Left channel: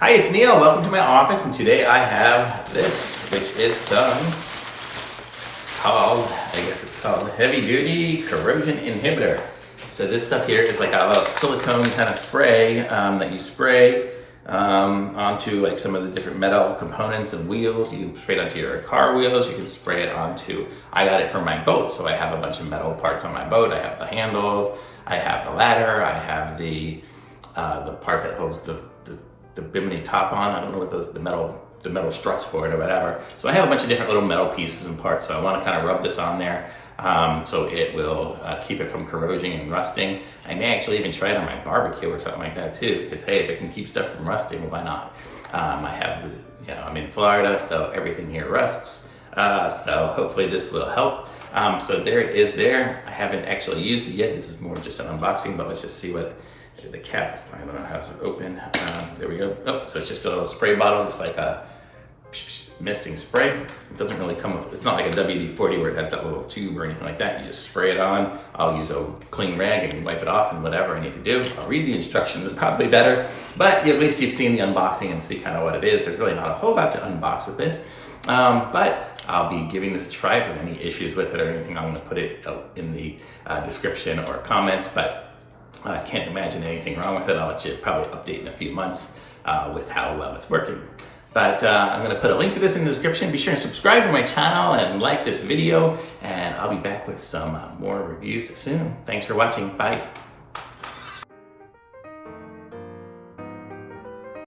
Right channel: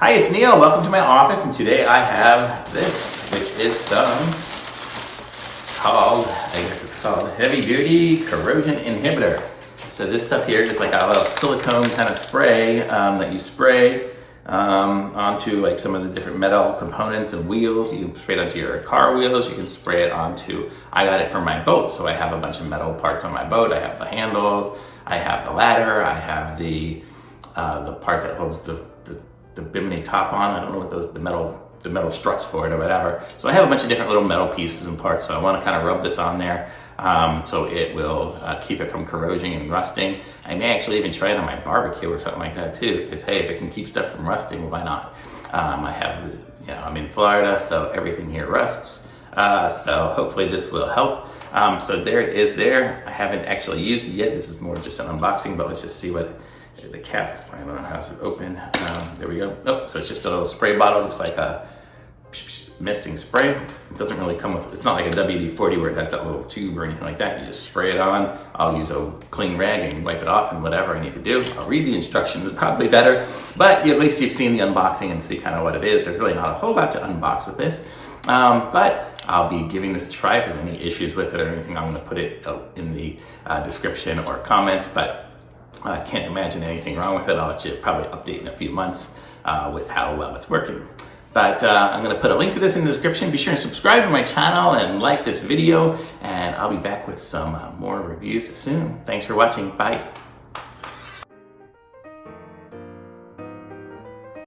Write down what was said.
Hi, it's Neil. Welcome to my office, and today I have this, which is called Heavy Duty Corrosion Inhibitor. So this stuff here is like a little silicone kind of spray that you spray onto like some of the different metal components and wheels. You can spray it onto your car wheels. You can spray it onto, I got it for my boat, so I have a bunch of metal parts on my boat. I have the handles, I have the ladder, I have the part that holds the bimini top on. I don't know what the metal struts for it or whatever. So I have a bunch of different little metal pieces and parts. So I want to kind of rub this on there so it will keep it from corrosion and rusting. I may actually even try it on my barbecue or something like that too, because hey, if it can keep stuff from rusting, why not? I'm in Florida, so everything here rusts. So hopefully this will help. So there it is there. I haven't actually used it yet. This is more just an unboxing, but let's just see what the cap, I don't know how's it open. There we go. Oh, so it's just a little spray bottle, just like a misting spray. It doesn't really come with, it's not like a WD-40 where it has that little tube or anything like that. You just spray it on. I'll use a clean rag and wipe it off and whatever I need to do. I'll read the instructions, it's probably better, but at least you've seen the unboxing and see kind of what it is. There's really not a whole lot to unbox with this, but I'll be giving this a try. If there's any issues with it or anything, I'm gonna put it in the description or comments, but I can't imagine anything wrong with it. I'll let you probably update in a few months with how well it's working. But I'm going to put a link to this in the description. Be sure to subscribe to my channel and like this video, and I'll be back with some more reviews soon. Thanks for watching. Bye.